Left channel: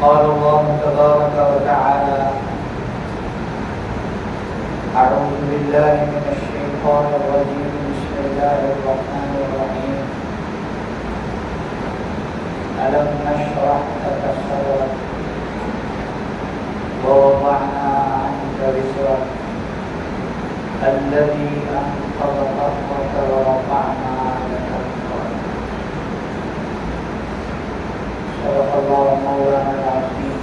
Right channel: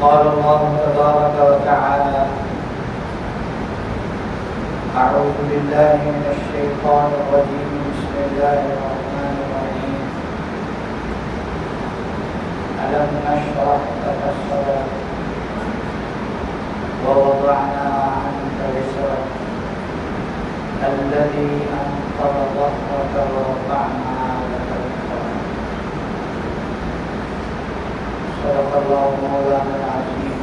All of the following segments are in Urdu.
قال الله تبارك وتعالى: أعوذ بالله من الشيطان الرجيم. بسم الله الرحمن الرحيم. ألم نشرح لك صدرك ووضعنا عنك وزرك الذي أنقض ظهرك ورفعنا لك ذكرك. صدق الله مولانا العظيم.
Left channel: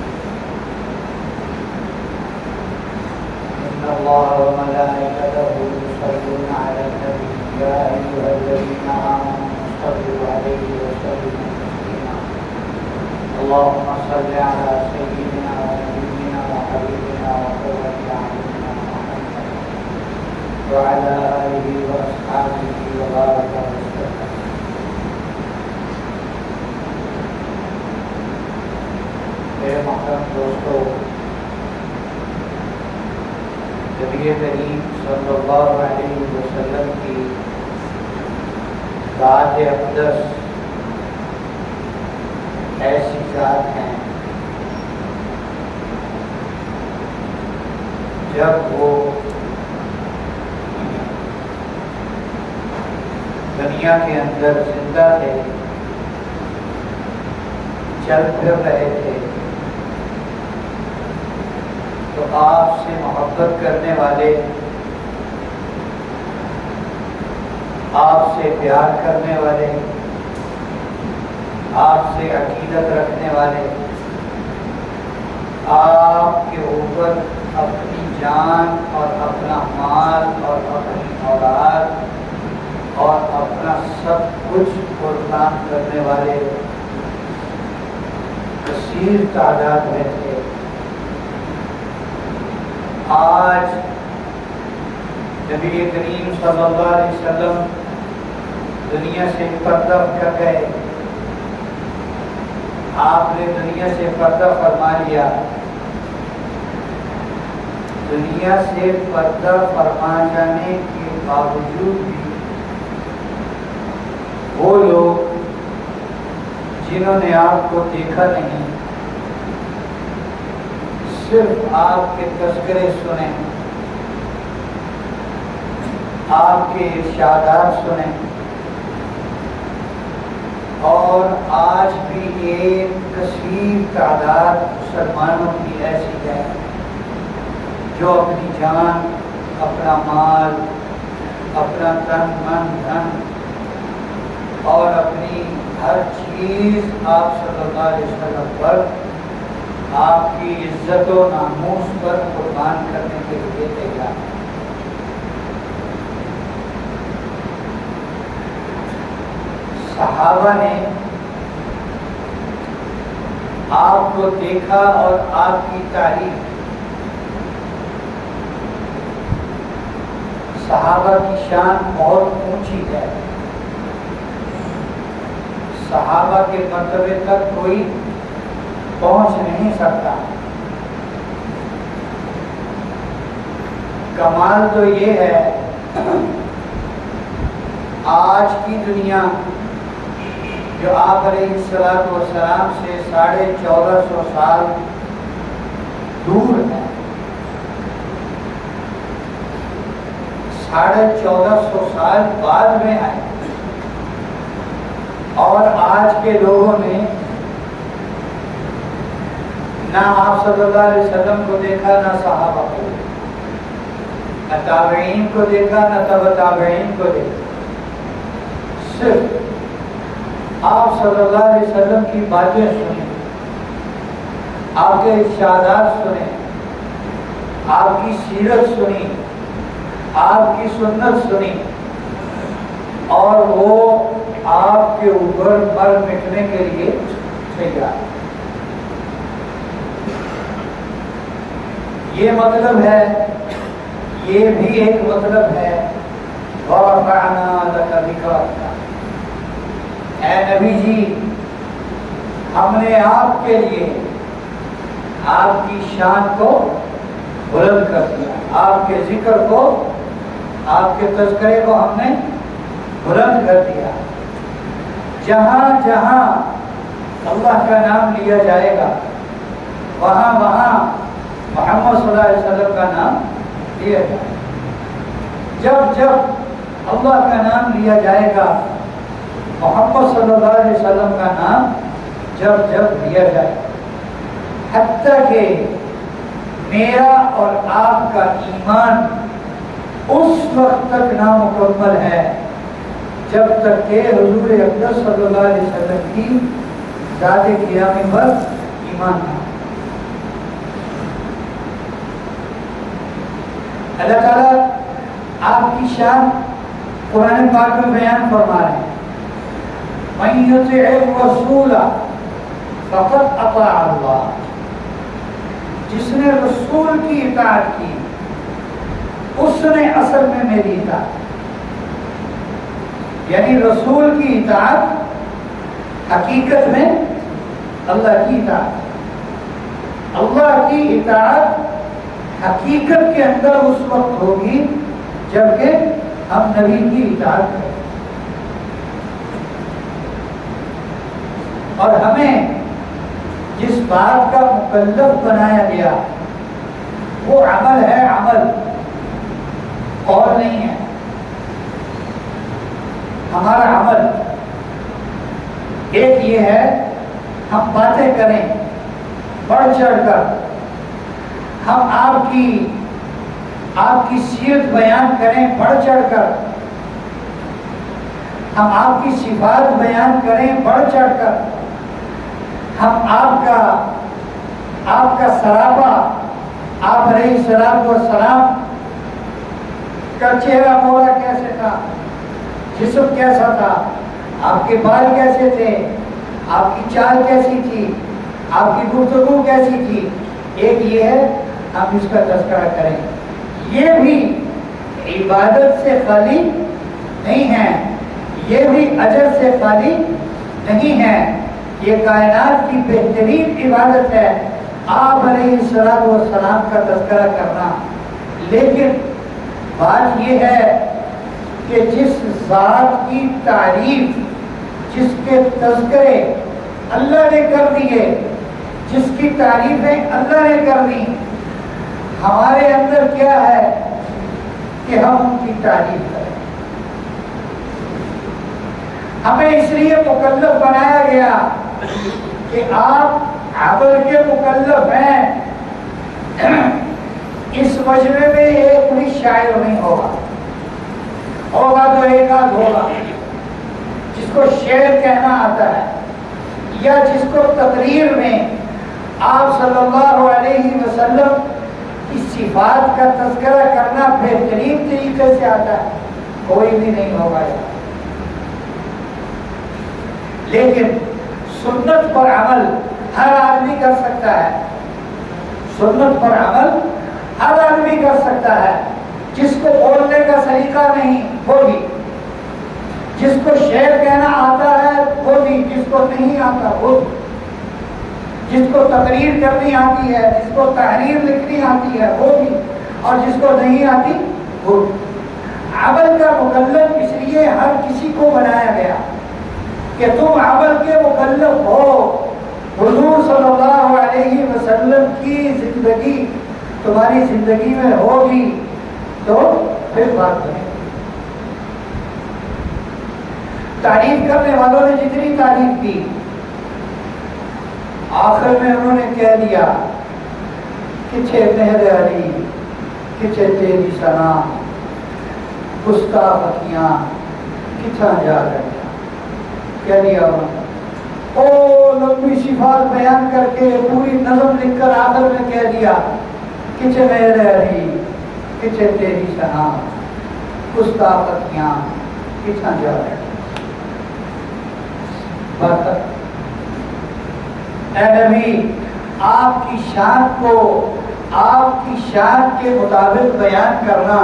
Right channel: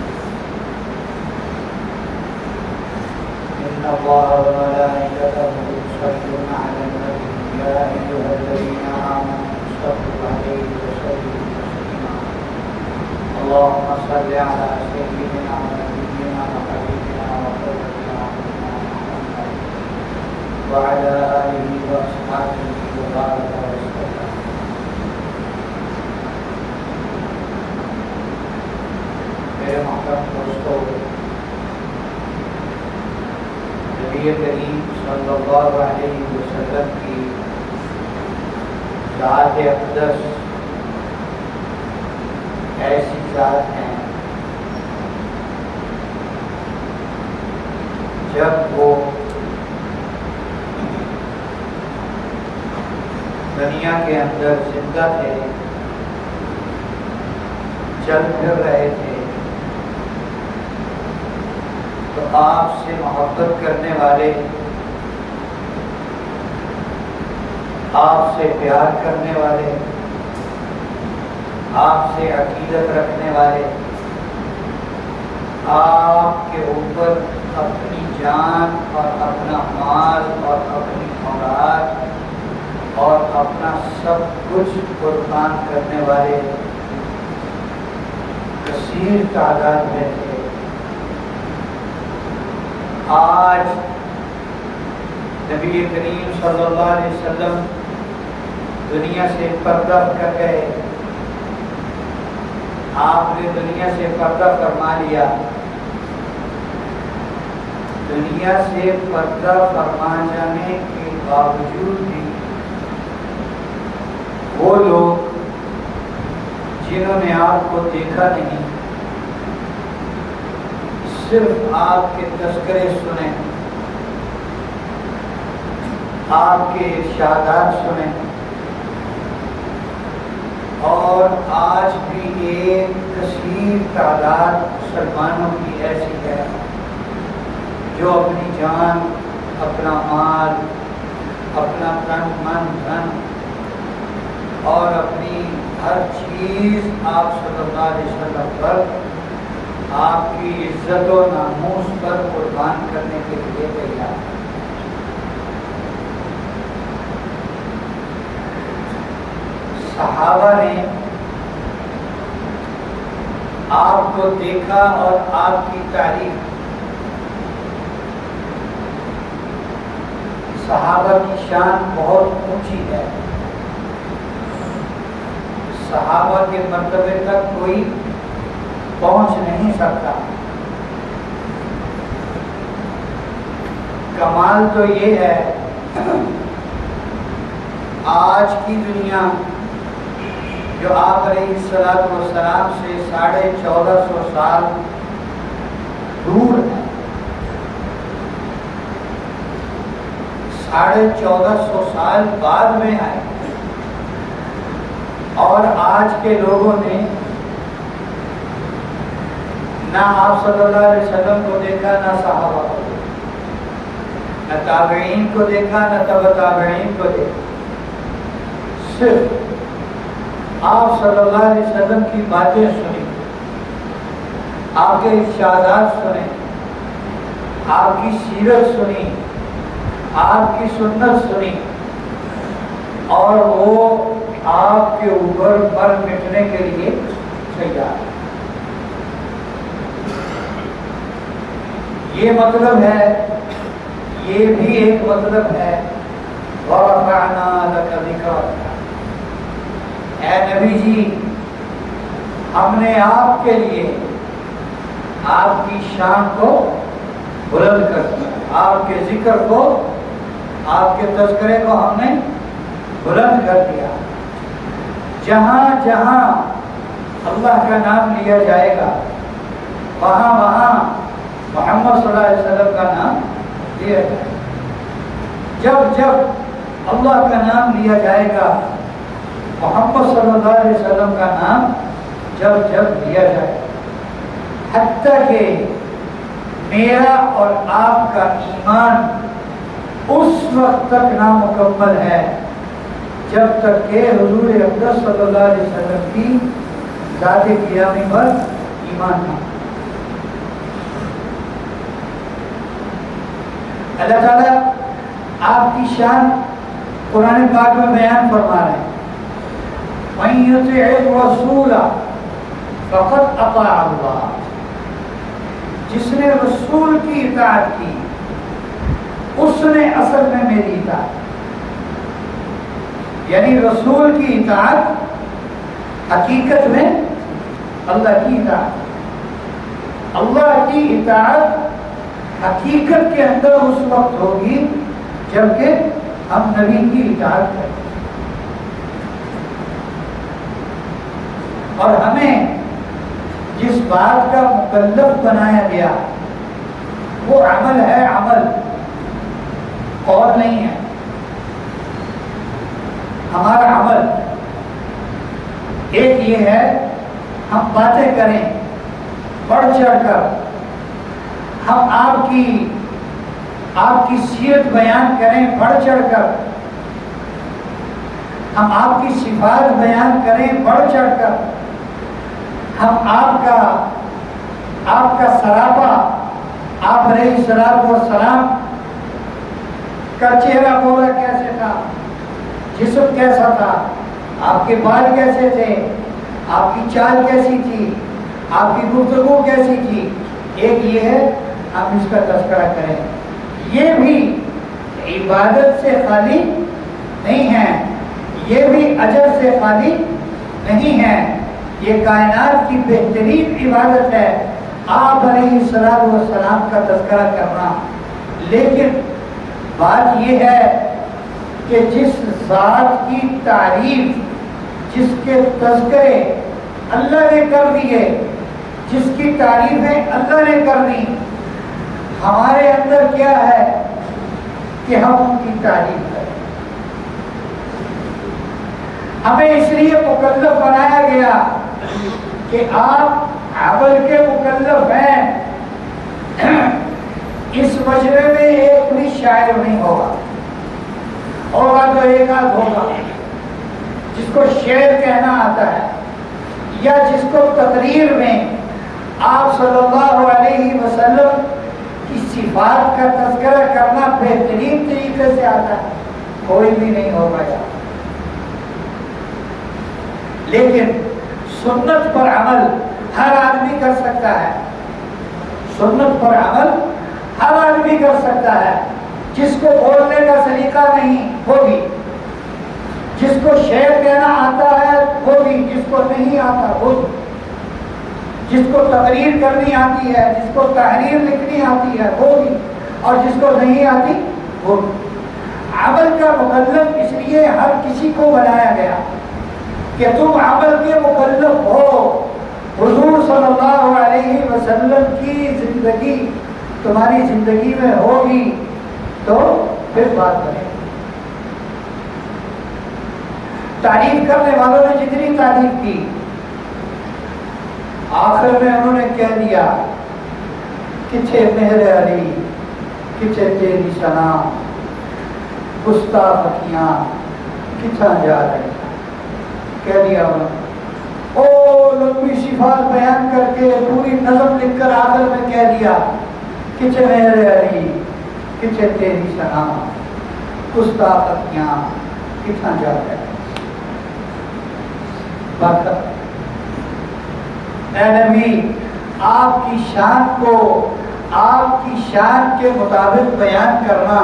إن الله وملائكته يصلون على النبي يا أيها الذين آمنوا صلوا عليه وسلموا تسليما. اللهم صل على سيدنا ونبينا وحبيبنا وقرة أعيننا محمد وعلى آله وأصحابه وبارك وسلم. میرے محترم دوستو، نبی کریم صلی اللہ علیہ وسلم کی ذات اقدس ایسی ذات ہیں جب وہ دنیا کے اندر زندہ تھے، چل پھر رہے تھے، تو آپ سے محبت کرنے والے، آپ سے پیار کرنے والے، آپ سے عقیدت رکھنے والے، آپ کے اوپر اپنی جان اور اپنا مال اور اپنی اولاد اور اپنا سب کچھ قربان کرنے والے کثیر تعداد میں تھے۔ آج نبی کریم صلی اللہ علیہ وسلم دنیا سے پردہ کر گئے، آپ نے دنیا سے پردہ فرما لیا۔ دنیا سے پردہ فرما جانے کے باوجود بھی وہ لوگ جنہوں نے آپ کو دیکھا نہیں، صرف آپ کے تذکرے سنیں، آپ کے ارشادات سنیں، اور آج بھی ایک کثیر تعداد مسلمانوں کی ایسی ہے جو اپنی جان، اپنا مال، اپنا تن من دھن اور اپنی ہر چیز آپ صلی اللہ علیہ وسلم پر، آپ کی عزت و ناموس پر قربان کرنے کے لیے تیار ہے۔ صحابہ نے آپ کو دیکھا اور آپ کی تعریف۔ صحابہ کی شان بہت اونچی ہے، صحابہ کے مرتبے تک کوئی پہنچ نہیں سکتا۔ کمال تو یہ ہے، آج کی دنیا جو آپ علیہ السلام سے 1450 سال دور ہے، 1450 سال بعد میں آئے، اور آج کے لوگوں نے نہ آپ صلی اللہ علیہ وسلم کو دیکھا، نہ صحابہ کو دیکھا، نہ تابعین کو دیکھا، نہ تبع تابعین کو دیکھا، صرف آپ صلی اللہ علیہ وسلم کی باتیں سنی، آپ کے ارشادات سنے، آپ کی سیرت سنی، آپ کی سنت سنی، اور وہ آپ کے اوپر مر مٹنے کے لیے تیار۔ یہ مطلب ہے، یہ بھی ایک مطلب ہے وَرَفَعْنَا لَكَ ذِكْرَكَ، اے نبی جی ہم نے آپ کے لیے آپ کی شان کو بلند کر دیا، آپ کے ذکر کو، آپ کے تذکرے کو ہم نے بلند کر دیا۔ جہاں جہاں اللہ کا نام لیا جائے گا وہاں محمد صلی اللہ علیہ وسلم کا نام لیا جائے. جب جب اللہ کا نام لیا جائے گا، محمد صلی اللہ علیہ وسلم کا نام جب جب لیا جائے، حتیٰ کہ میرا اور آپ کا ایمان اس وقت تک نامکمل ہے جب تک کہ حضور اقدس صلی اللہ علیہ وسلم کی ذات گرامی پر ایمان نہ. اللہ تعالیٰ آپ کی شان قرآن پاک میں بیان فرما رہے ہیں، مَن يُطِعِ الرَّسُولَ فَقَدْ أَطَاعَ اللَّهَ. جس نے رسول کی اطاعت کی اس نے اصل میں میری اطاعت، یعنی رسول کی اطاعت حقیقت میں اللہ کی اطاعت. اللہ کی اطاعت حقیقت کے اندر اس وقت ہوگی جبکہ ہم نبی کی اطاعت کریں. اور ہمیں جس بات کا مکلف بنایا گیا وہ عمل ہے، عمل قول نہیں ہے. ہمارا عمل ایک یہ ہے ہم باتیں کریں بڑھ چڑھ کر، ہم آپ کی سیرت بیان کریں بڑھ چڑھ کر، ہم آپ کی صفات بیان کریں بڑھ چڑھ کر، ہم آپ کا سراپا، آپ علیہ الصلوۃ والسلام کا چہرہ بولا کیسے تھا، جسم کیسا تھا، آپ کے بال کیسے تھے، آپ کی چال کیسی تھی، آپ کی گفتگو کیسی تھی، ایک یہ ہے ہم اس کا تذکرہ کریں. یہ بھی عبادت سے خالی نہیں ہے، یہ بھی اجر سے خالی نہیں ہے. یہ کائنات کی بہترین عبادت ہے آپ علیہ الصلوۃ والسلام کا تذکرہ کرنا. لیکن بات یہ ہے کہ جس ذات کی تعریف، جس کے تذکرے اللہ نے کر دیے، جس کی تعریفیں اللہ نے کر دی، ہمارے اندر کیا ہے کہ ہم ان کی تعریف کریں. ہمیں اس لیے مکلف بنایا گیا کہ آپ عمل کے مکلف ہیں. اس مجمع میں ایک بھی شاعر نہیں ہوگا تو ایک آدھ ہوگا جس کو شعر کہنا آتا ہے، یا جس کو تقریر میں آپ صلی اللہ علیہ وسلم کی صفات کا تذکرہ کرنا بہترین طریقے سے آتا ہے. کوئی بھی نہیں ہوگا یار. لیکن سنت پر عمل ہر آدمی کر سکتا ہے، سنت پر عمل ہر آدمی کر سکتا ہے. جس کو بولنے کا سلیقہ نہیں وہ بھی، جس کو شعر کہنا آتا ہے وہ بھی، جس کو نہیں آتا وہ بھی، جس کو تقریر کرنی آتی ہے، جس کو تحریر لکھنی آتی ہے وہ بھی، اور جس کو نہیں آتی وہ بھی. عمل کا مکلف اس لیے ہر کسی کو بنایا گیا کہ تم عمل کے مکلف ہو. حضور صلی اللہ علیہ وسلم کی زندگی تمہاری زندگی میں ہوگی تو پھر بات کریں. تعریف کرنے والوں نے جتنی تعریف کی، آخر میں انہوں نے کہہ دیا کچھے مہر علی، کچھے تیری ثنا، گستاخ اکھیاں کتنا جا رہے. کہہ دیا انہوں نے، او لمبی صفات بیان کر کے پوری نظم لکھ کر آخر میں کہہ دیا کچھے مہر علی، کچھے تیری ثنا، گستاخ اکھیاں کتنا جا رہے. بات اے نبی، آپ کی شان کو آپ کی شان کے مطابق بیان کرنا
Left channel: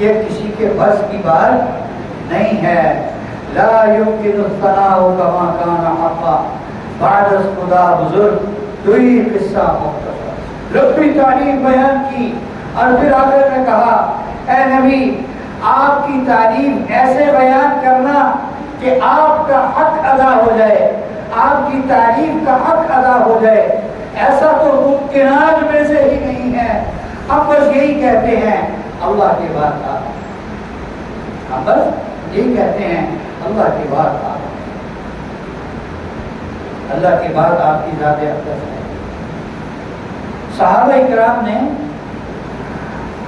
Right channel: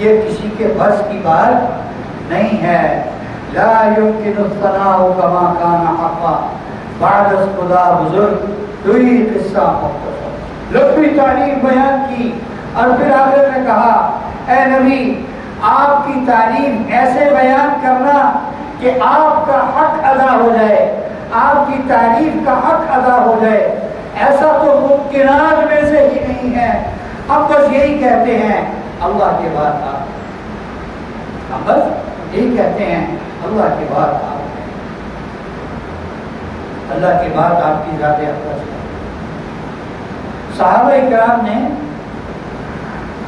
یہ کسی کے بس کی بات نہیں ہے. لا يمكن الثناء كما كان حقا بعد خدا بزرگ دوئی قصہ مختصر. لمبی تعریف بیان کی اور پھر آخر میں کہا اے نبی آپ کی تعریف ایسے بیان کرنا کہ آپ کا حق ادا ہو جائے، آپ کی تعریف کا حق ادا ہو جائے. ایسا تو ممکنات میں سے ہی نہیں ہے. ہم بس یہی کہتے ہیں اللہ کے بعد آپ. ہم بس یہی کہتے ہیں اللہ کے بعد آپ. اللہ کے بعد آپ کی ذات اقدس ہے. صحابہ کرام نے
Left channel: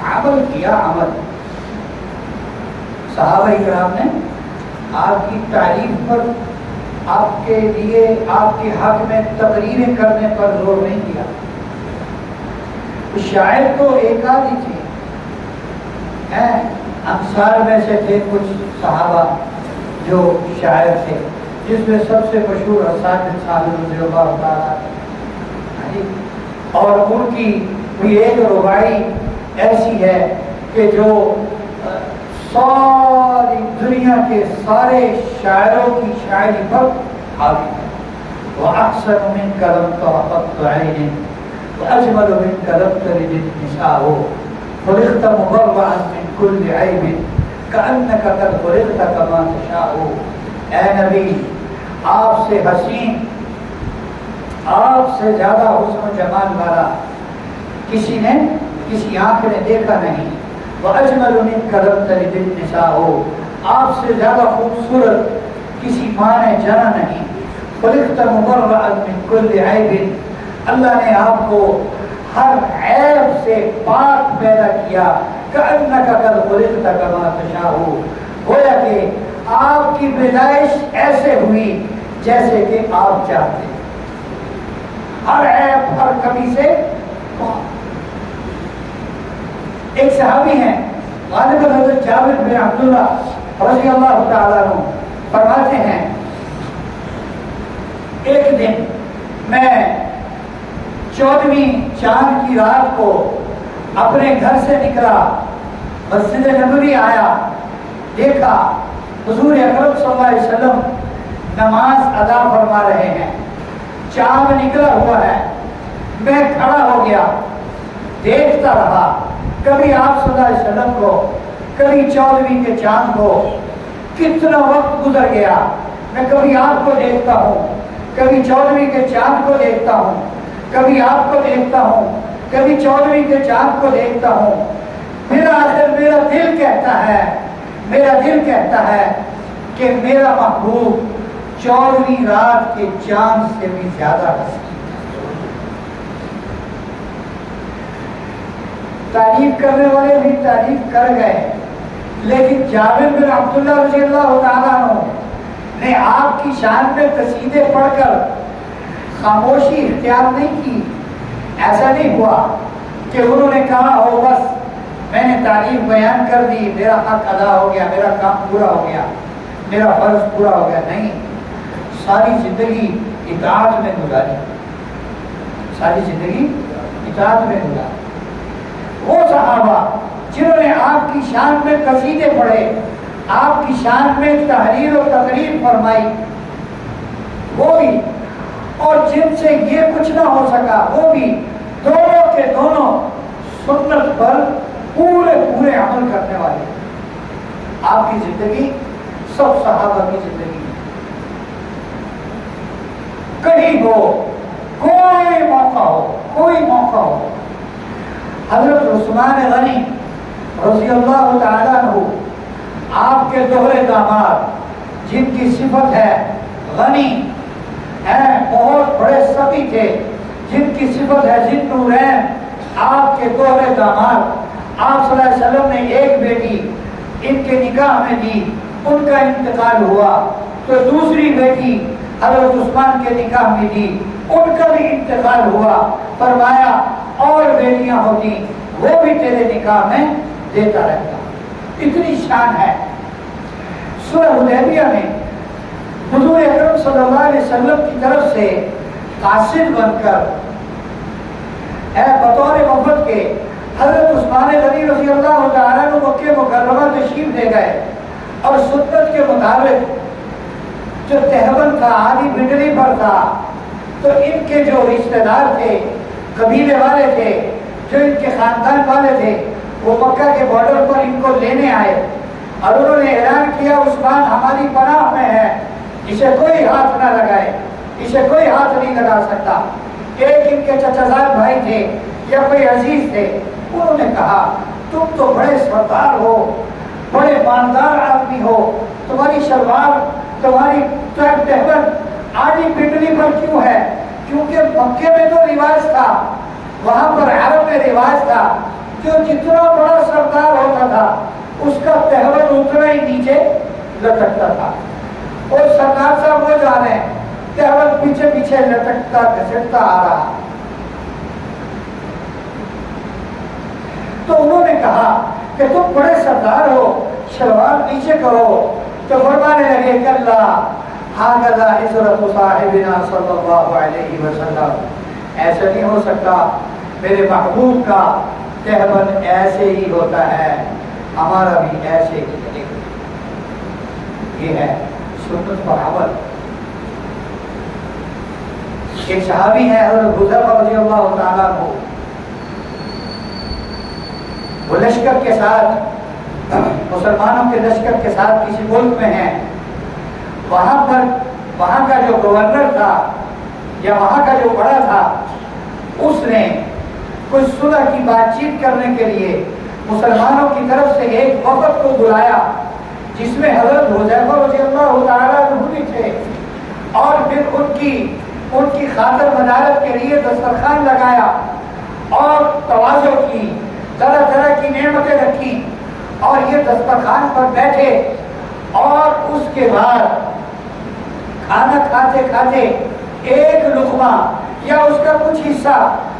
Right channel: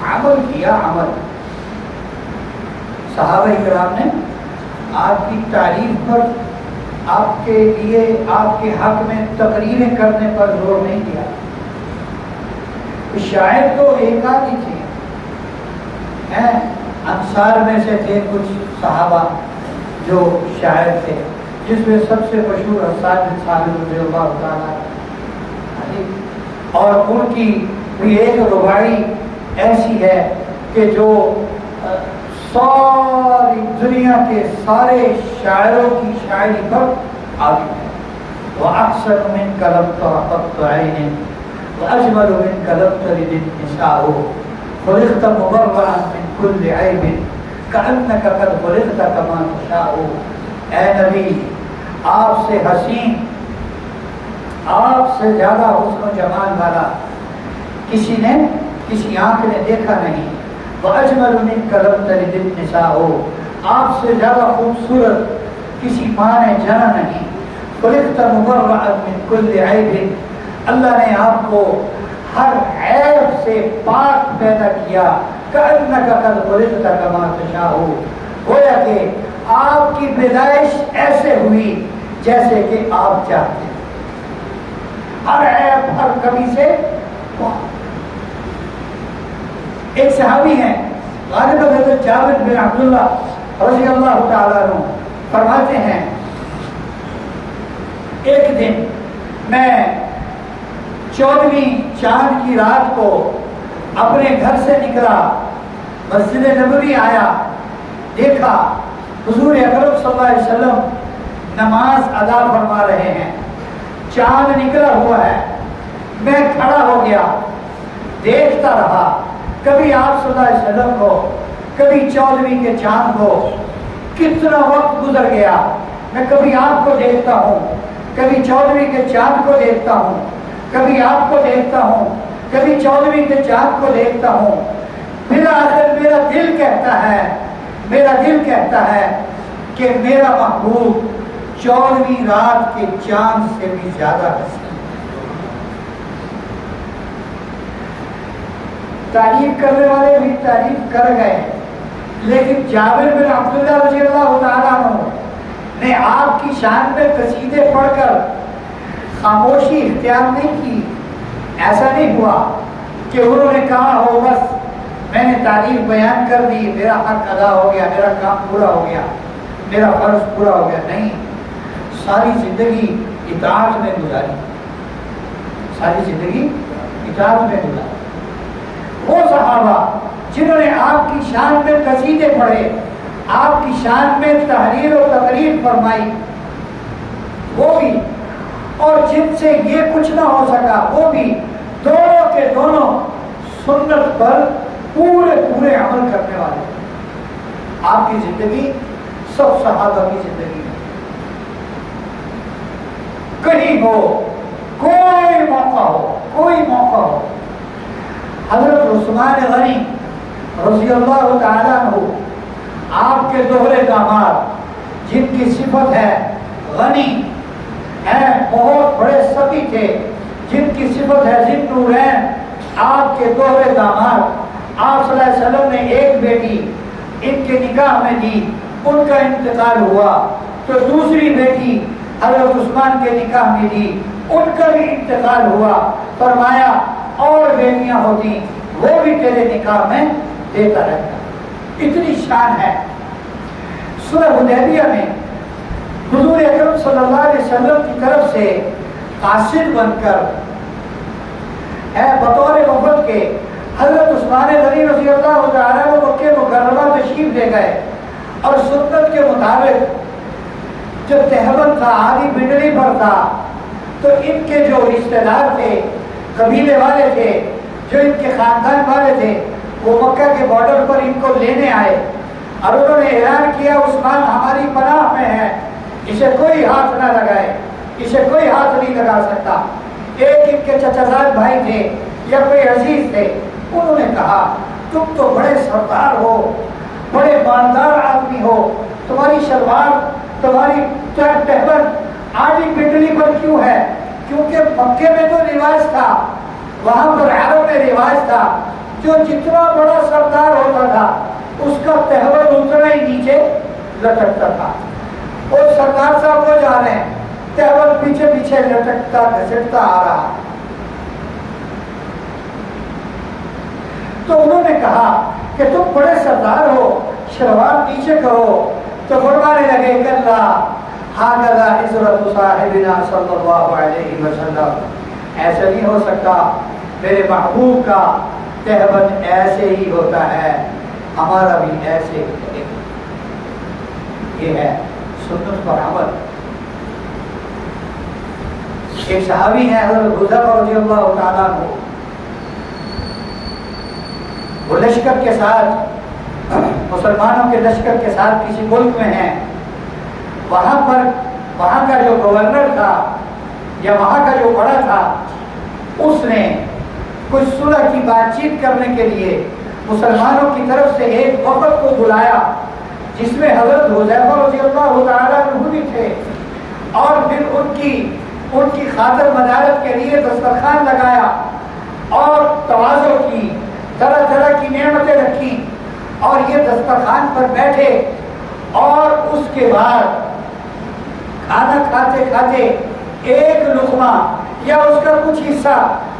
عمل کیا. عمل صحابہ کرام نے آپ کی تعریف پر، آپ کے لیے، آپ کے حق میں تقریریں کرنے پر زور نہیں کیا. شاید تو ایک آدھی تھی، انصار میں سے تھے کچھ صحابہ جو شاعر تھے، جس میں سب سے مشہور حسان بن ثابت رضی اللہ تعالیٰ، اور ان کی بھی ایک رباعی ایسی ہے کہ جو ساری دنیا کے سارے شاعروں کی شاعری پر حاوی ہے. وَأَحْسَنُ مِنْكَ لَمْ تَرْقَطُّ عَيْنٍ وَأَجْمَلُ مِنْكَ لَمْ تَلِدِ النِّسَاءُ خُلِقْتَ مُبَرَّأً مِنْ كُلِّ عَيْبٍ كَأَنَّكَ قَدْ خُلِقْتَ كَمَا تَشَاءُ. اے نبی، آپ سے حسین، آپ سے زیادہ حسن و جمال والا کسی آنکھ نے دیکھا نہیں. وَأَجْمَلُ مِنْكَ لَمْ تَلِدِ النِّسَاءُ. آپ سے زیادہ خوبصورت کسی ماں نے جنا نہیں. خُلِقْتَ مُبَرَّأً مِنْ كُلِّ عَيْبٍ. اللہ نے آپ کو ہر عیب سے پاک پیدا کیا. كَأَنَّكَ قَدْ خُلِقْتَ كَمَا تَشَاءُ. گویا کہ آپ کی پیدائش ایسے ہوئی جیسے کہ آپ چاہتے ہیں. ہر عیب، ہر کمی سے. ایک صحابی ہیں غالباً حضرت جابر بن عبداللہ رضی اللہ تعالیٰ عنہ، فرماتے ہیں ایک دن میں 14ویں چاند کی رات کو اپنے گھر سے نکلا، مسجد نبوی آیا، دیکھا حضور اکرم صلی اللہ علیہ وسلم نماز ادا فرما رہے ہیں، چاند نکلا ہوا ہے. میں کھڑا ہو گیا، دیکھتا رہا. کبھی آپ صلی اللہ علیہ وسلم کو، کبھی 14ویں کے چاند کو. کتنا وقت گزر گیا. میں کبھی آپ کو دیکھتا ہوں، کبھی 14ویں کے چاند کو دیکھتا ہوں، کبھی آپ کو دیکھتا ہوں، کبھی 14ویں کے چاند کو دیکھتا ہوں. پھر آخر میرا دل کہتا ہے کہ میرا محبوب 14ویں رات کے چاند سے بھی زیادہ حسین. تعریف کرنے والے بھی تعریف کر گئے، لیکن جابر بن عبداللہ رضی اللہ تعالیٰ عنہ نے آپ کی شان میں قصیدے پڑھ کر خاموشی اختیار نہیں کی. ایسا نہیں ہوا کہ انہوں نے کہا ہو بس میں نے تعریف بیان کر دی، میرا حق ادا ہو گیا، میرا کام پورا ہو گیا، میرا فرض پورا ہو گیا. نہیں، ساری زندگی اطاعت میں گزاری، ساری زندگی اطاعت میں گزاری. وہ صحابہ جنہوں نے آپ کی شان میں قصیدے پڑھے، آپ کی شان میں تحریر و تقریر فرمائی، وہ بھی، اور جن سے یہ کچھ نہ ہو سکا وہ بھی، دونوں کے دونوں سنت پر پورے عمل کرنے والے. آپ کی زندگی سب صحابہ کی زندگی ہے. کہیں ہو، کوئی موقع ہو، حضرت عثمان غنی رضی اللہ تعالیٰ عنہ، آپ کے دوہرے داماد، جن کی صفت ہے غنی، ہیں بہت بڑے سخی تھے، جن کی صفت ہے ذی النورین، آپ کے دوہرے داماد. آپ صلی اللہ علیہ وسلم نے ایک بیٹی ان کے نکاح میں دی، ان کا انتقال ہوا، تو دوسری بیٹی حضرت عثمان کے نکاح میں دی، ان کا بھی انتقال ہوا. فرمایا اور بیٹیاں ہوتی وہ بھی تیرے نکاح میں دیتا رہتا. اتنی شان ہے. سورہ حدیبیہ میں حضور اکرم صلی اللہ علیہ وسلم کی طرف سے قاصد بن کر بطور وفد کے حضرت عثمان غنی رضی اللہ تعالیٰ عنہ مکہ مکرمہ تشریف لے گئے، اور سنت کے مطابق جو تہبند تھا، آدھی بنڈلی پر تھا، تو ان کے جو رشتہ دار تھے، قبیلے والے تھے، جو ان کے خاندان والے تھے، وہ مکہ کے بارڈر پر ان کو لینے آئے، اور انہوں نے اعلان کیا عثمان ہماری پناہ میں ہے، اسے کوئی ہاتھ نہ لگائے، اسے کوئی ہاتھ نہیں لگا سکتا. ایک ان کے چچازاد بھائی تھے یا کوئی عزیز تھے، انہوں نے کہا تم تو بڑے سردار ہو، بڑے مالدار آدمی ہو، تمہاری شلوار تمہاری تہبند آدھی پنڈلی پر کیوں ہے؟ کیونکہ مکے میں تو رواج تھا، وہاں پر عرب میں رواج تھا، جو جتنا بڑا سردار ہوتا تھا اس کا تہبند اتنا ہی نیچے لٹکتا تھا۔ اور سردار صاحب وہ جانے تہبند پیچھے پیچھے لٹکتا گھسٹتا آ رہا۔ تو انہوں نے کہا کہ تم بڑے سردار ہو، شلوار نیچے کرو، تو فرمانے لگے کلا ھذا عزرۃ صاحبنا صلی اللہ علیہ وسلم، ایسا نہیں ہو سکتا، میرے محبوب کا تہبند ایسے ہی ہوتا ہے، ہمارا بھی ایسے ہی طریقہ۔ یہ ہے سنت پر عمل۔ ایک صحابی ہے حضرت حذیفہ رضی اللہ تعالیٰ عنہ، وہ لشکر کے ساتھ، مسلمانوں کے لشکر کے ساتھ کسی ملک میں ہیں، وہاں کا جو گورنر تھا یا وہاں کا جو بڑا تھا، اس نے کچھ صلح کی بات چیت کرنے کے لیے مسلمانوں کی طرف سے ایک وفد کو بلایا، جس میں حضرت حذیفہ رضی اللہ تعالیٰ عنہ بھی تھے، اور پھر ان کی خاطر مدارت کے لیے دسترخوان لگایا اور تواضع کی، طرح طرح کی نعمتیں رکھی، اور یہ دسترخوان پر بیٹھے، اور اس کے بعد کھانا کھاتے کھاتے ایک لقمہ یا اس کا کچھ حصہ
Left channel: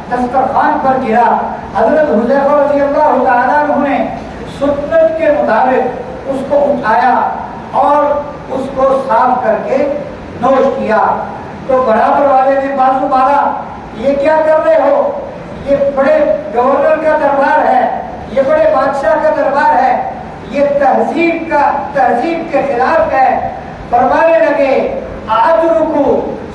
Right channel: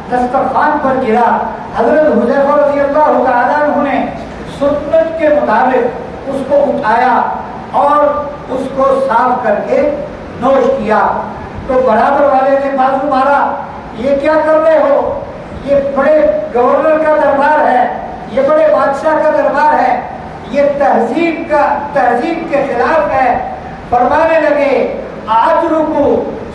دسترخوان پر گرا۔ حضرت حذیفہ رضی اللہ تعالیٰ عنہ نے سنت کے مطابق اس کو اٹھایا اور اس کو صاف کر کے نوش کیا۔ تو برابر والے نے بازو مارا، یہ کیا کر رہے ہو؟ یہ بڑے گورنر کا دربار ہے، یہ بڑے بادشاہ کا دربار ہے، یہ تہذیب کے خلاف ہے۔ فرمانے لگے اترکو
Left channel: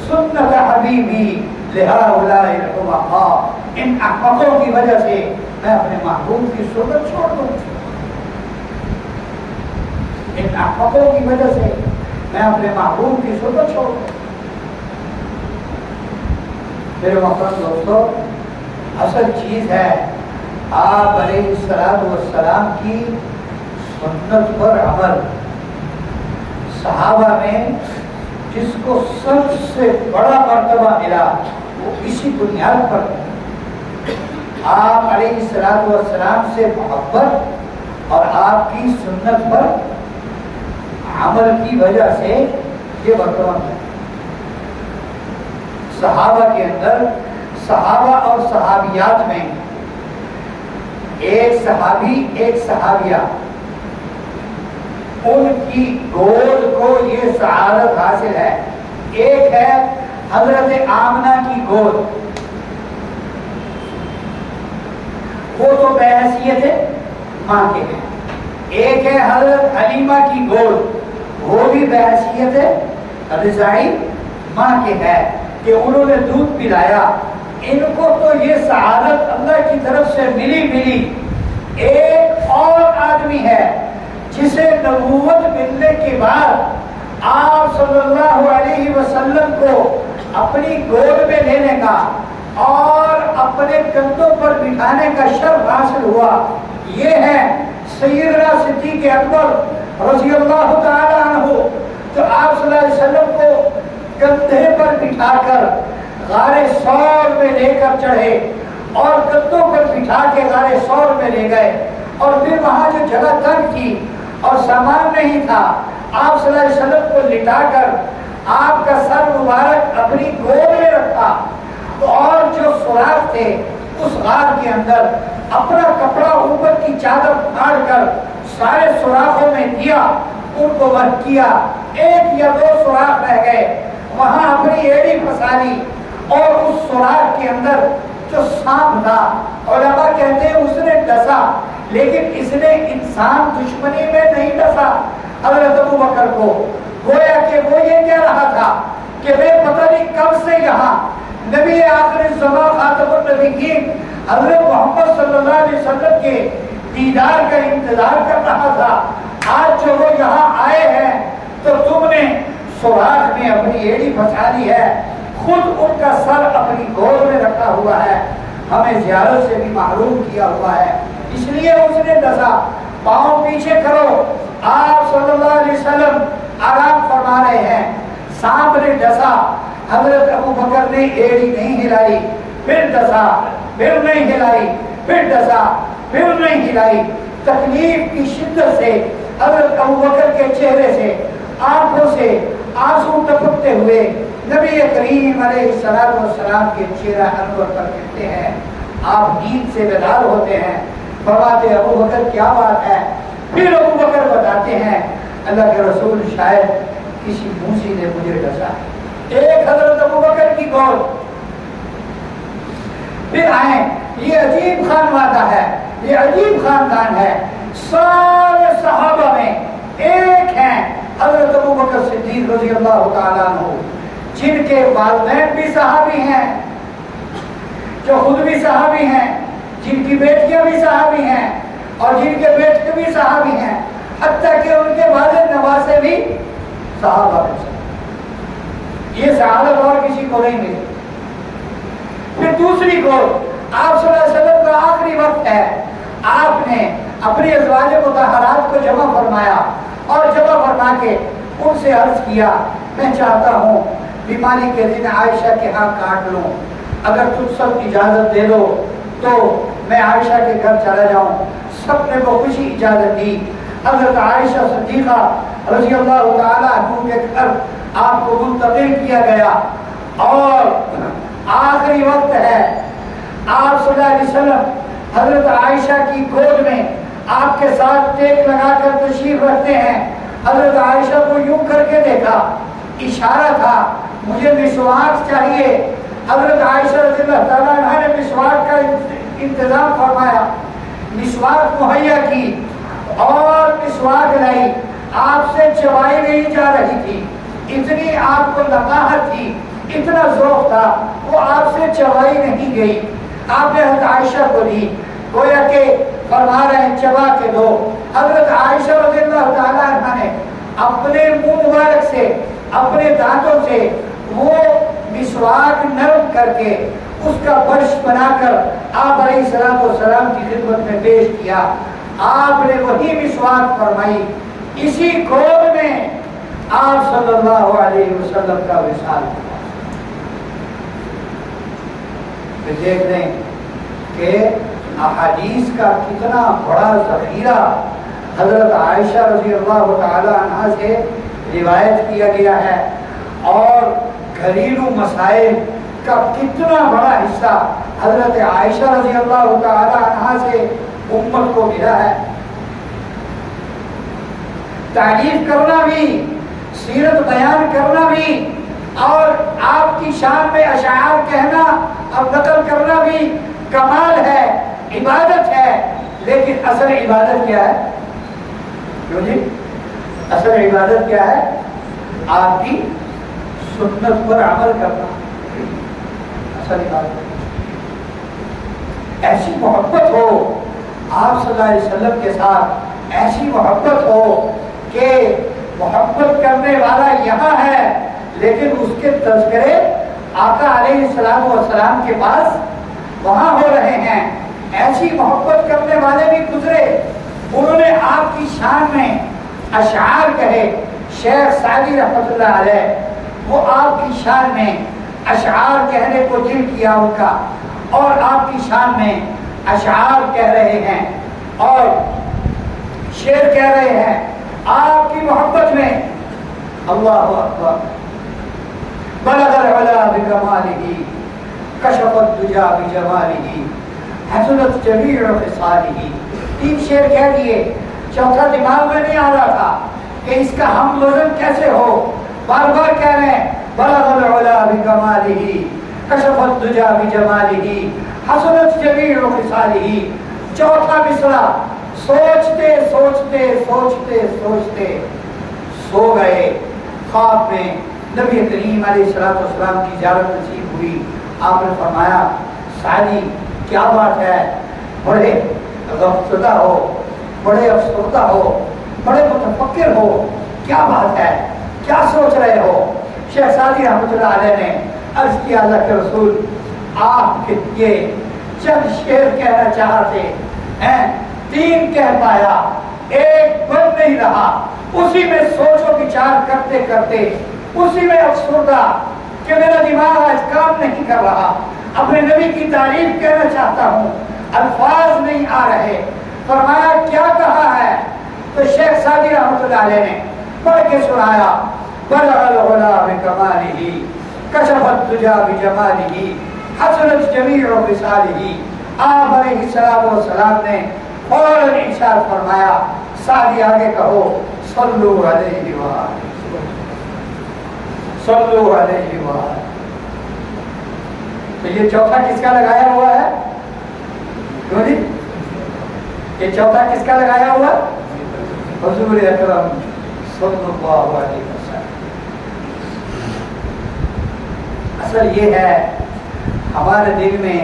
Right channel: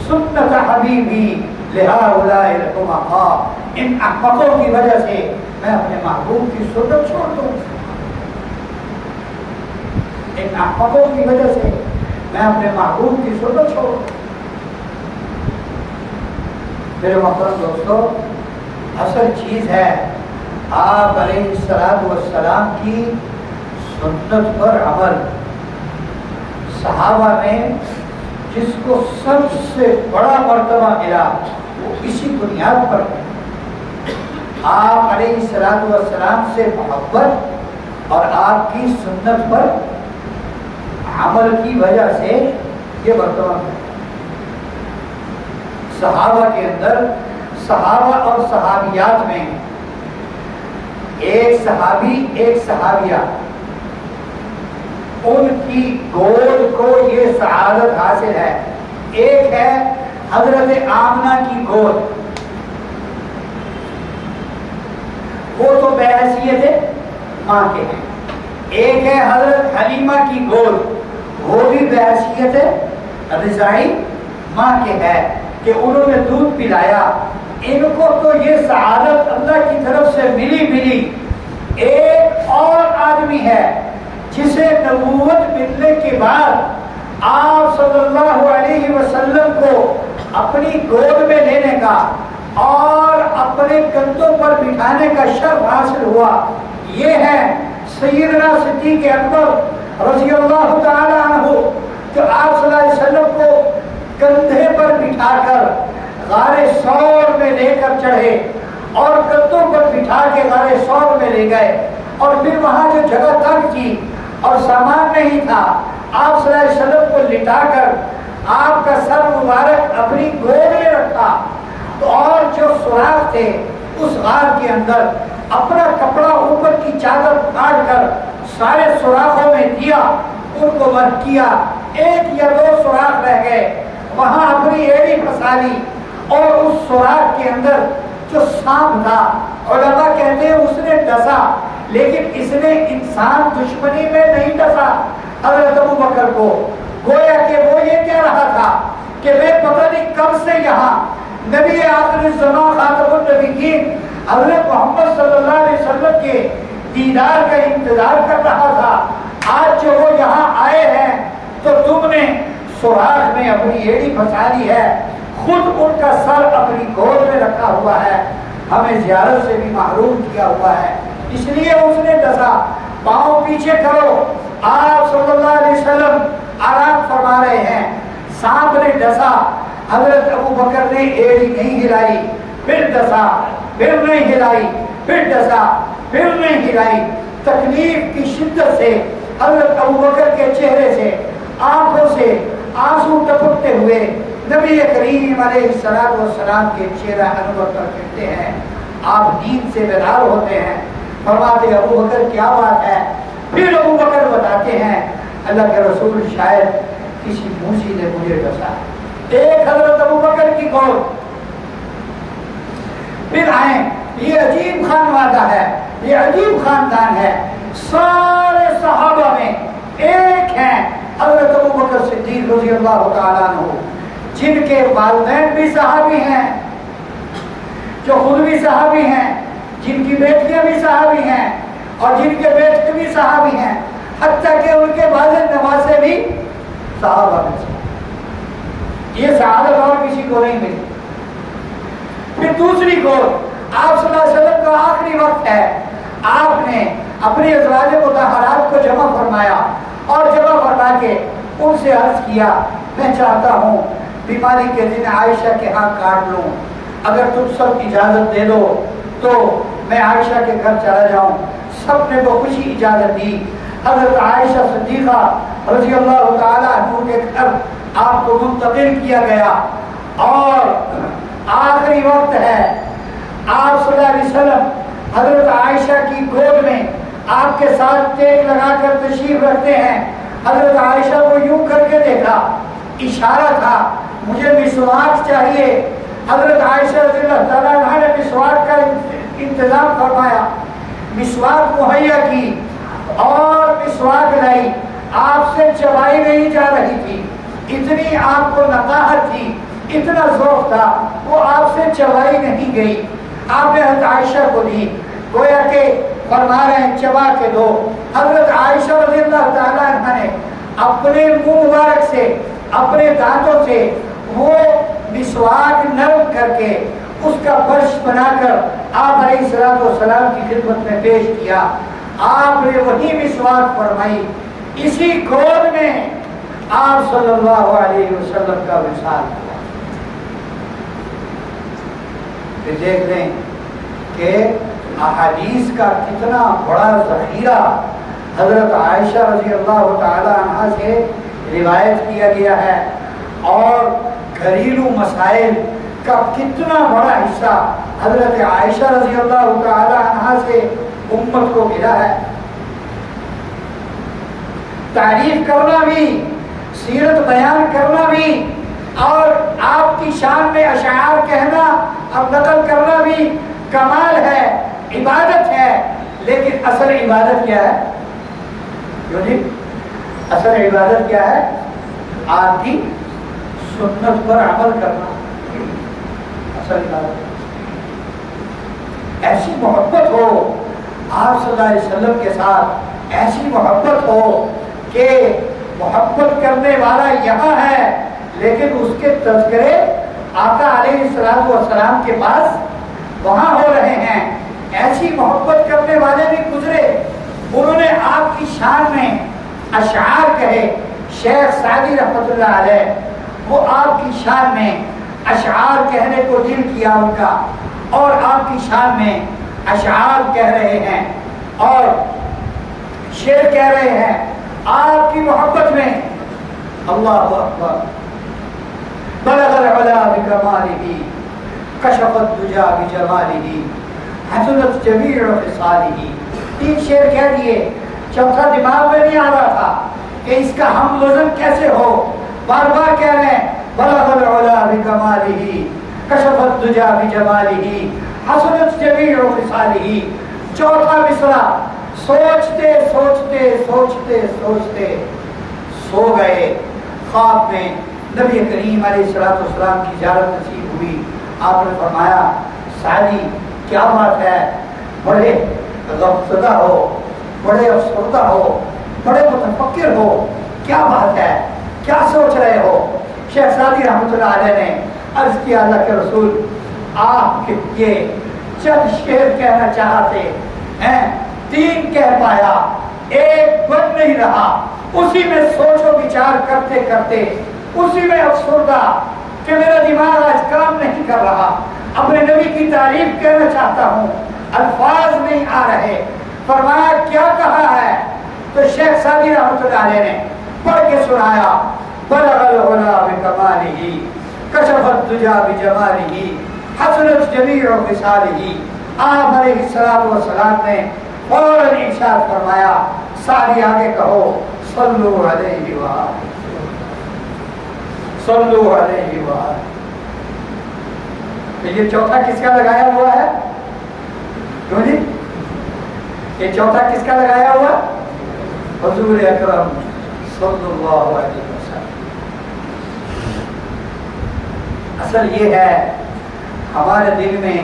سنت حبیبی لہؤلاء الحمقاء، ان احمقوں کی وجہ سے میں اپنے محبوب کی سنت چھوڑ دوں، ان احمقوں کی وجہ سے میں اپنے محبوب کی سنت چھوڑ دوں۔ میرے محترم دوستو، اصل چیز ہے آپ علیہ الصلوۃ والسلام کی سنت پر عمل۔ صحابہ میں جس کو سب سے بڑا مرتبہ ملا وہ اسی بنیاد پر ہے، آپ علیہ الصلوۃ والسلام سے محبت اور آپ کی سنت پر عمل کی وجہ سے یہ مرتبہ ہے۔ صحابہ کے اندر، صحابہ اور صحابیات میں ایک صحابی ایک صحابیہ، ان کی گود کو یہ سعادت حاصل ہے۔ ایک ہے حضرت آمنہ کی گود، وہ تو بحیثیت ماں کے ہیں۔ ایک ہے حضرت حلیمہ کی گود، وہ بھی بحیثیت رضاعی ماں کے ہے کہ انہوں نے دودھ پلایا۔ ان کو تو یہ سعادت اللہ کی طرف سے ملی۔ ایک اور آدمی ہے جسے نبوت ملنے کے بعد آپ صلی اللہ علیہ وسلم کو اپنی گود میں لینے کا اور اپنے کندھوں پر بٹھانے کا شرف حاصل ہوا، یہ ہے سیدنا صدیق اکبر رضی اللہ تعالی عنہ، جو آپ صلی اللہ علیہ وسلم کو کندھے پر بٹھا کر غار ثور میں لے کر چڑھے اور کندھوں پر بٹھا کے غار ثور میں لے گئے، اور پھر وہاں جو جگہ تنگ تھی اور سامان نہیں تھا، آپ صلی اللہ علیہ وسلم کو لٹا کر آپ کا سر مبارک اپنی گود میں رکھا، اور جو سوراخ تھے اس غار کے اندر اپنا کپڑا اوپر کی چادر پھاڑ کر سارے سوراخوں میں دیا، ان کو بند کیا، ایک یا دو سوراخ رہ گئے، وہاں اپنی ایڑی پھنسا لی، اور اس سوراخ کے اندر جو سانپ تھا، علماء کہتے ہیں اس نے ڈسا، لیکن اس نے انسان دشمنی میں نہیں ڈسا حضرت ابوبکر کو، گویا کہ وہ یہ کہہ رہا تھا کہ میں پتہ نہیں کب سے یہاں نبی آخر الزمان خاتم النبیین حضرت محمد صلی اللہ علیہ وسلم کے دیدار کا انتظار کر رہا تھا، آج جو وہ یہاں آئے ہیں تو تم نے سوراخ میں اپنی ایڑی پھنسا لی ہے، خود ان کا سر اپنی گود میں رکھا ہوا ہے، ہمیں زیارت سے بھی محروم کیا ہوا ہے، اس لیے اس نے ڈسا۔ پاؤں پیچھے کرو، آپ صلی اللہ علیہ وسلم آرام فرما رہے ہیں، سانپ نے ڈسا، حضرت ابو بکر نے ایڑی نہیں ہلائی، پھر ڈسا، پھر نہیں ہلائی، پھر ڈسا، پھر نہیں ہلائی۔ تکلیف کی شدت سے حضرت ابو بکر کے چہرے سے آنکھوں سے آنسو ٹپکتے ہوئے نبی کریم علیہ السلام کے چہرہ انور پر کہتے ہیں، آپ نیند سے بیدار ہوتے ہیں، فرماتے ابو بکر کیا بات ہے؟ پھر ابو بکر بتاتے ہیں اللہ کے رسول شاید کسی موسی نے مجھے ڈسا ہے۔ ایک حضرت ابو بکر کی گود، پھر آئیں، یہ عجیب خانوادہ ہے، یہ عجیب خاندان ہے، سارے صحابہ میں ایک ہیں حضرت ابو بکر صدیق رضی اللہ تعالیٰ عنہ، جن کے والدین بھی صحابی ہیں، جو خود بھی صحابی ہیں، جن کی بیٹیاں بھی صحابی ہیں، اور جن کے بیٹے بھی صحابی ہیں، حتیٰ کہ ان کے والد نواسے بھی صحابہ ہیں۔ یہ سعادت اور کسی کو نہیں ملی۔ پھر دوسری گود، آپ صلی اللہ علیہ وسلم کا آخری وقت ہے، آپ نے اپنی ازواج مطہرات کو جمع فرمایا اور جمع فرما کے ان سے عرض کیا میں چاہتا ہوں بیماری کے دن عائشہ کے ہاں کاٹ لوں، اگر تم سب اجازت دے دو تو میں عائشہ کے گھر چلا جاؤں۔ سب نے وہ خوشی اجازت دی۔ حضرت عائشہ صدیقہ رضی اللہ تعالیٰ عنہ کے گھر آپ کو منتقل کیا گیا، اور آخری وقت ہے، آپ صلی اللہ علیہ وسلم حضرت عائشہ کی گود میں آپ کے ساتھ ٹیک لگا کر تشریف رکھتے ہیں۔ حضرت عائشہ کو یوں کر کے دیکھا، اشارہ تھا مجھے مسواک چاہیے۔ حضرت عائشہ رضی اللہ تعالیٰ عنہ نے مسواک کا انتظام فرمایا، مسواک مہیا کی اور مسواک لائی، آپ سے چبائی نہیں جا رہی تھی، اتنی آپ کو نقاہت تھی، اتنا ذوق تھا، وہ آپ سے چبائی نہیں گئی۔ آپ نے حضرت عائشہ کو دی، گویا کہ فرما رہے ہیں چبا کے دو۔ حضرت عائشہ رضی اللہ تعالیٰ عنہ نے اپنے منہ مبارک سے، اپنے دانتوں سے وہ مسواک نرم کر کے اس کا برش بنا کر آپ علیہ السلام کی خدمت میں پیش کیا۔ آپ نے وہی مسواک فرمائی، اسی گود میں آپ صلی اللہ علیہ وسلم کا وصال ہوا۔ پھر دیکھ لیں کہ احادیث کا کتنا بڑا ذخیرہ حضرت عائشہ رضی اللہ تعالی عنہا سے روایت کیا گیا ہے، اور گھریلو مسائل کا کتنا بڑا حصہ حضرت عائشہ رضی اللہ تعالی عنہا سے امت کو ملا ہے۔ تعریف کرنا بھی، سیرت بیان کرنا بھی، اور آپ کی شان میں اشعار کہنا اور نقل کرنا بھی کمال ہے، عبادت ہے، لیکن اصل عبادت کیا ہے؟ کیوں جی؟ اصل عبادت کیا ہے؟ آپ کی سنت پر عمل کرنا اصل عبادت۔ ایسی محبت ہو آپ صلی اللہ علیہ وسلم کے ساتھ، ایسی محبت ہو کہ محبت کرنے والا یہاں ہے لیکن اس کے تذکرے آقا علیہ السلام کے پاس وہاں ہو رہے ہیں۔ ایسی محبت کرنے والے بھی گزرے، انہوں نے آپ کی شان میں اشعار کہے۔ شیخ سعدی رحمۃ اللہ علیہ وہ آپ کی شان میں اشعار کہنے کو دل کیا ان کا، اور آپ کی شان میں اشعار کہہ رہے ہیں اور شعر کہہ رہے ہیں آپ کی محبت میں۔ اللہ اکبر، بلغ العلا بکمالہ، کشف الدجا بجمالہ، حسنت جمیع خصالہ۔ تین شعر کہہ دیے، چوتھا دماغ میں نہیں آ رہا تھا کہ اس کا ہم وزن کیسے ہو، بار بار کہہ رہے ہیں بلغ العلا بکمالہ، کشف الدجا بجمالہ، حسنت جمیع خصالہ۔ چوتھا مصرع سوچتے سوچتے سوچتے سوچتے سو گئے، خواب میں نبی کریم علیہ السلام کی زیارت نصیب ہوئی۔ آپ نے فرمایا سعدی کیا بات ہے، بڑے غمزدہ ہو، بڑے افسردہ ہو، بڑے متفکر ہو، کیا بات ہے، کیا سوچ رہے ہو؟ شیخ سعدی رحمۃ اللہ علیہ نے عرض کیا اللہ کے رسول آپ کے یہ چند شعر کہنا چاہتے ہیں، 3 کہہ پایا، ایک بن نہیں رہا، اسی میں سوچ و بچار کرتے کرتے اسی میں افسردہ کہ میرا دماغ آج کام نہیں کر رہا، اپنے نبی کی تعریف کہنا چاہتا ہوں، الفاظ نہیں آ رہے۔ فرمایا کیا کہا ہے؟ تو شیخ سعدی رحمۃ اللہ علیہ نے پڑھ کے سنایا، بلغ العلا بکمالہ کشف الدجا بجمالہ حسنت جمیع خصالہ۔ آپ علیہ السلام نے فوراً ارشاد فرمایا، سعدی آگے کہو صلو علیہ وآلہ، صلو علیہ وآلہ۔ یہ چوتھا کس کا لگایا ہوا ہے؟ کیوں جی؟ یہ چوتھا کس کا لگایا ہوا؟ حضور اکرم صلی اللہ علیہ وسلم۔ اصل یہ ہے ہمارے دل میں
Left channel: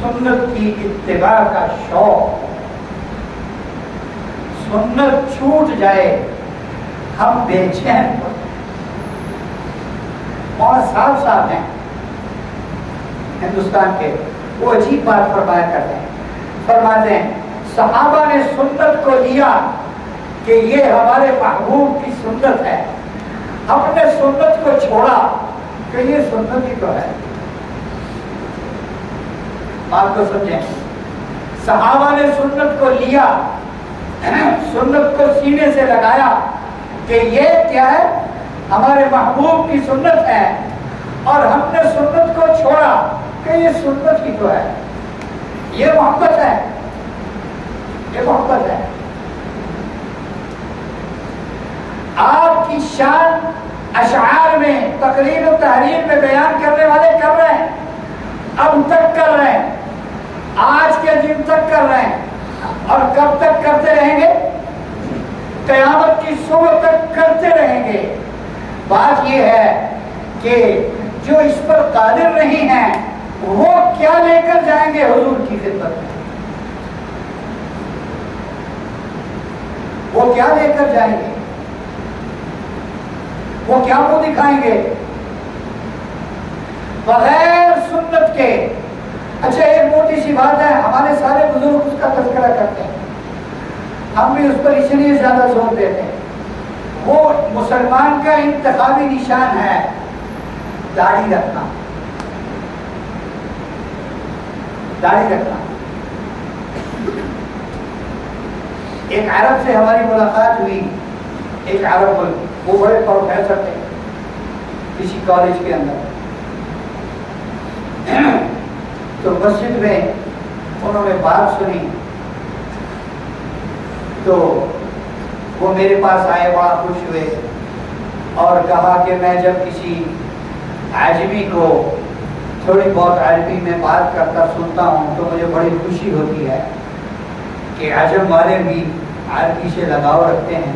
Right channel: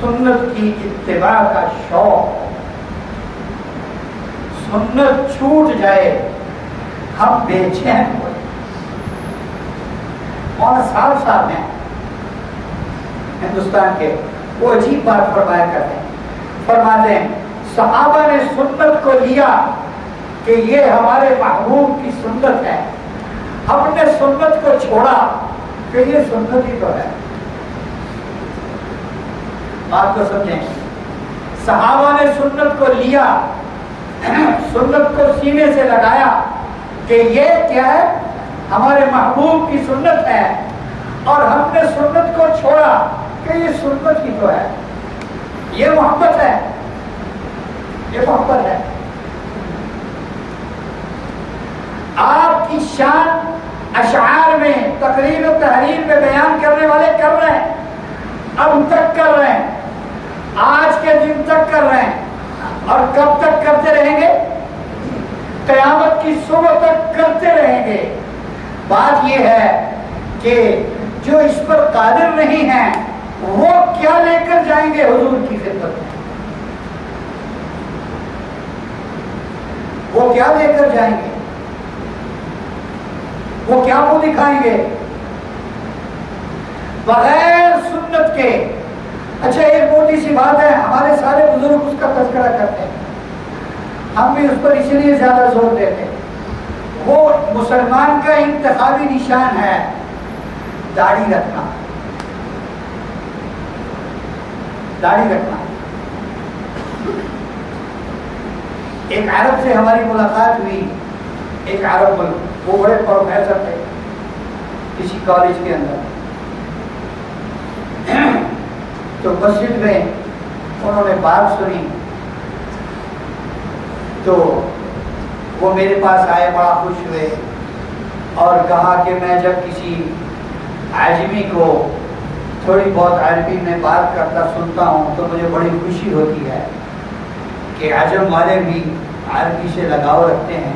سنت کی اتباع کا شوق، سنت چھوٹ جائے ہم بے چین ہو۔ اور صاحب ہیں ہندوستان کے، وہ عجیب بات فرمایا کرتے ہیں، فرماتے ہیں صحابہ نے سنت کو لیا کہ یہ ہمارے محبوب کی سنت ہے، ہم نے سنت کو چھوڑا کہ یہ سنت ہی تو ہے۔ بات کو سمجھیں، صحابہ نے سنت کو لیا، سنت کو سینے سے لگایا کہ یہ کیا ہے؟ ہمارے محبوب کی سنت ہے، اور ہم نے سنت کو چھوڑا کہ یہ سنت ہی تو ہے۔ یہ محبت ہے، یہ محبت ہے۔ آپ کی شان اشعار میں، تقریر و تحریر میں بیان کرنے والے کر رہے ہیں، اب تک کر رہے ہیں، آج کے دن تک کر رہے ہیں، اور کب تک کرتے رہیں گے؟ قیامت کی صبح تک کرتے رہیں گے۔ بات یہ ہے کہ جو اس پر قادر نہیں ہیں وہ کیا لے کر جائیں گے حضور کی خدمت میں؟ وہ کیا لے کر جائیں گے؟ وہ کیا منہ دکھائیں گے بغیر سنت کے؟ اچھا ایک موٹی سی بات ہے، ہمارے سارے بزرگ اس کا تذکرہ کرتے ہیں، ہم بھی اس پر اسی لیے زیادہ زور دیتے ہیں۔ وہ مسلمان کا انتخابی نشان ہے داڑھی رکھنا، داڑھی رکھنا۔ ایک عرب سے ہماری ملاقات ہوئی، ایک عرب ملک، وہ بڑے پروفیسر تھے کسی کالج کے اندر، تو مسجد میں انہوں نے بات سنی تو وہ میرے پاس آئے، بڑا خوش ہوئے اور کہا کہ میں جب کسی عجمی کو تھوڑی بہت عربی میں بات کرتا سنتا ہوں تو مجھے بڑی خوشی ہوتی ہے کہ عجم والے بھی عربی سے لگاؤ رکھتے ہیں،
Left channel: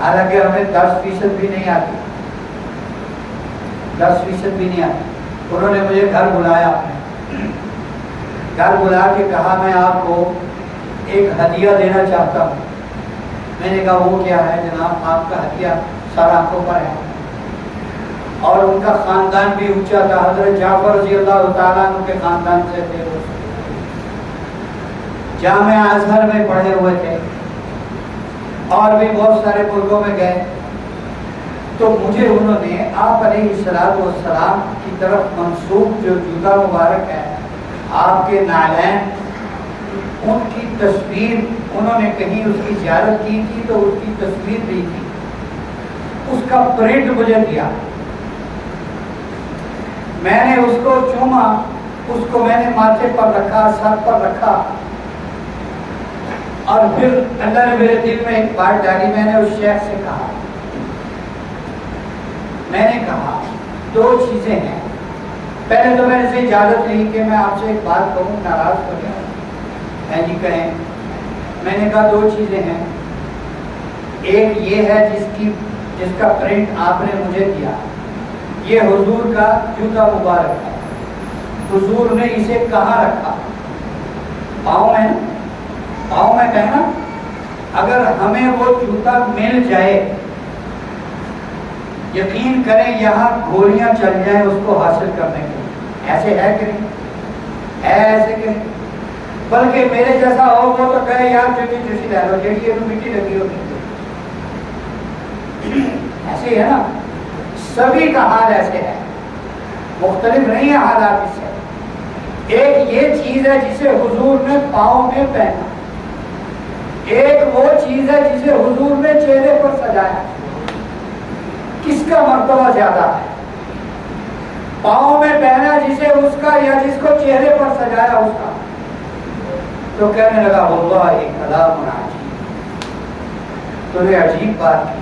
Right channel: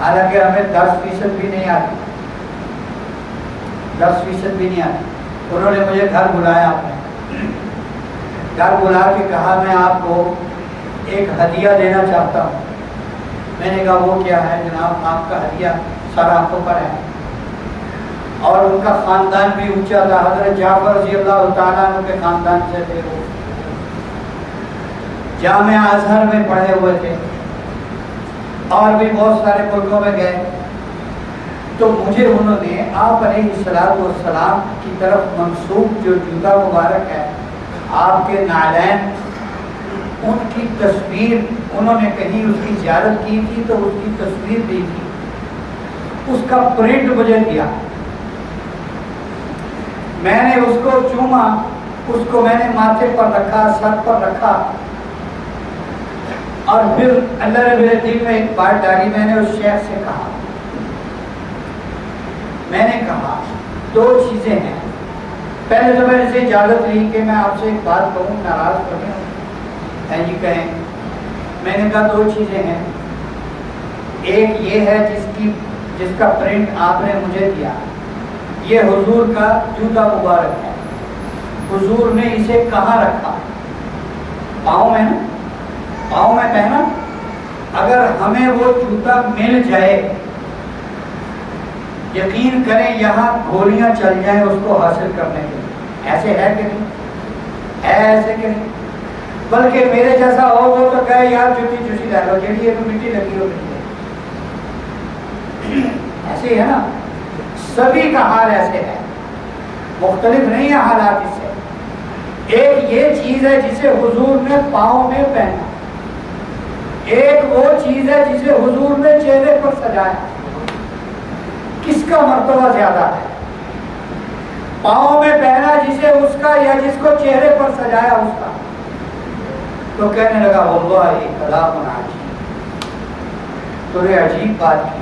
حالانکہ ہمیں 10% بھی نہیں آتی، 10% بھی نہیں آتی۔ انہوں نے مجھے گھر بلایا، اپنے گھر بلا کے کہا میں آپ کو ایک ہدیہ دینا چاہتا ہوں۔ میں نے کہا وہ کیا ہے جناب؟ آپ کا ہدیہ سر آنکھوں پر ہے، اور ان کا خاندان بھی اونچا تھا، حضرت جعفر رضی اللہ تعالیٰ عنہ کے خاندان سے تھے، وہ جامعہ ازہر میں پڑھے ہوئے تھے اور بھی بہت سارے ملکوں میں گئے۔ تو مجھے انہوں نے آپ علیہ السلام کی طرف منسوب جو جوتا مبارک ہے، آپ کے نعلین، ان کی تصویر، انہوں نے کہیں اس کی زیارت کی تھی تو اس کی تصویر دی تھی، اس کا پرنٹ مجھے دیا، میں نے اس کو چوما، اس کو میں نے ماتھے پر رکھا، سر پر رکھا، اور پھر اللہ نے میرے دل میں ایک بات ڈالی۔ میں نے اس شیخ سے کہا، میں نے کہا 2 چیزیں ہیں۔ پہلے تو میں نے سے اجازت لی کہ میں آپ سے ایک بات کہوں، ناراض کریں ہے جی کہیں۔ میں نے کہا 2 چیزیں ہیں، ایک یہ ہے جس کا پرنٹ آپ نے مجھے دیا، یہ حضور کا جوتا مبارک ہے، حضور نے اسے کہاں رکھا؟ پاؤں میں نا، پاؤں میں کہنا۔ اگر ہمیں وہ جوتا مل جائے یقین کریں یہاں گولیاں چل جائیں اس کو حاصل کرنے کے لیے، ایسے ہے کہ نہیں ہے؟ ایسے کہ نہیں؟ بلکہ میرے جیسا ہو وہ تو کہے یار جوتی جوسی لے لو جیڑی ہے مٹی لگی ہو ایسے ہی ہے نا، سبھی کا حال ایسے ہے، مختلف نہیں ہے حالات اس سے۔ ایک یہ چیز ہے جسے حضور نے پاؤں میں پہنا، ایک وہ چیز ہے جسے حضور نے چہرے پر سجایا، کس کا مرتبہ زیادہ ہے؟ پاؤں میں پہنا جسے اس کا یا جس کو چہرے پر سجایا اس کا؟ تو کہنے لگا واللہ ایک کلام عجیب، تو نے عجیب بات کی۔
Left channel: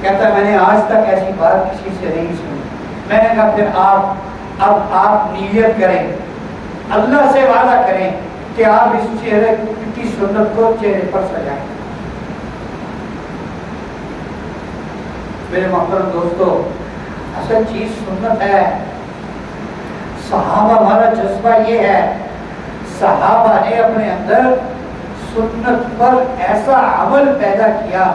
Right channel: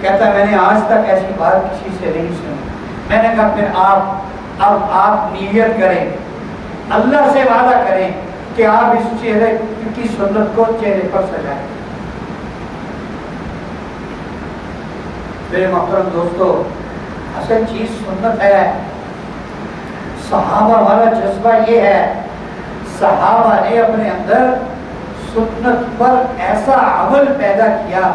کہتا میں نے آج تک ایسی بات کسی سے نہیں سنی۔ میں نے کہا پھر آپ نیت کریں، اللہ سے وعدہ کریں کہ آپ اس چہرے کی سنت کو چہرے پر سجائیں۔ میرے محترم دوستو، اصل چیز سنت ہے۔ صحابہ والا جذبہ یہ ہے، صحابہ نے اپنے اندر سنت پر ایسا عمل پیدا کیا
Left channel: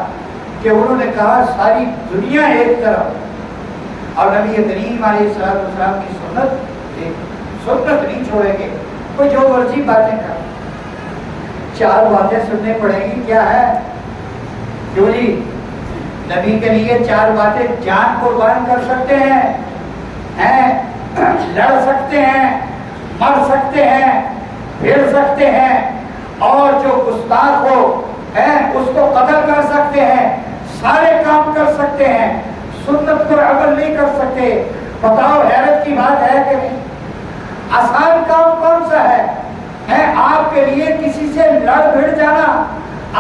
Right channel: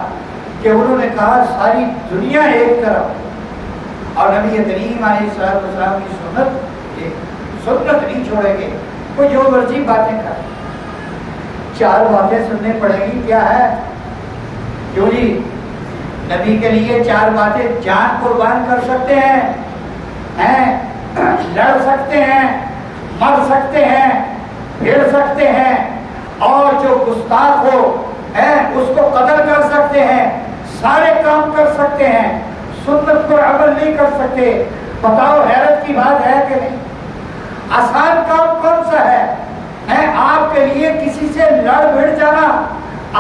کہ انہوں نے کہا ساری دنیا ایک طرف اور نبی کریم علیہ السلام کی سنت نہیں چھوڑیں گے، کوئی جو مرضی باتیں کر، چار باتیں سننے پڑیں گی، کیا ہے؟ کیوں جی نبی کے لیے چار باتیں جان قربان کر سکتے ہیں، لڑ سکتے ہیں، مر سکتے ہیں، پھر سکتے ہیں، اور جو گستاخ ہو اس کو قتل کر سکتے ہیں، سارے کام کر سکتے ہیں، سنت پر عمل نہیں کر سکتے۔ بتاؤ حیرت کی بات ہے کہ نہیں؟ آسان کام کون سا ہے؟ آپ کے لیے کسی سے لڑ بھڑ جانا،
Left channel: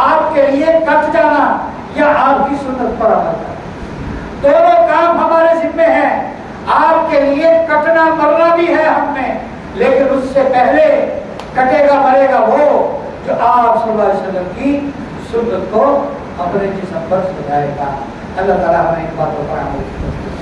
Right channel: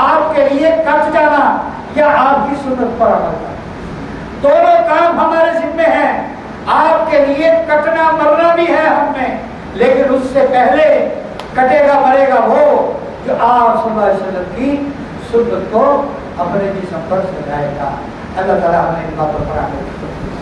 آپ کے لیے کٹ جانا، یا آپ کی سنت پر عمل کرنا؟ دونوں کام ہمارے ذمے ہیں۔ آپ کے لیے کٹنا مرنا بھی ہے ہم میں، لیکن اس سے پہلے کٹے گا مرے گا وہ جو آپ صلی اللہ علیہ وسلم کی سنت کو اپنے جسم پر سجائے گا۔ اللہ تعالیٰ ہمیں ان باتوں پر عمل کرے۔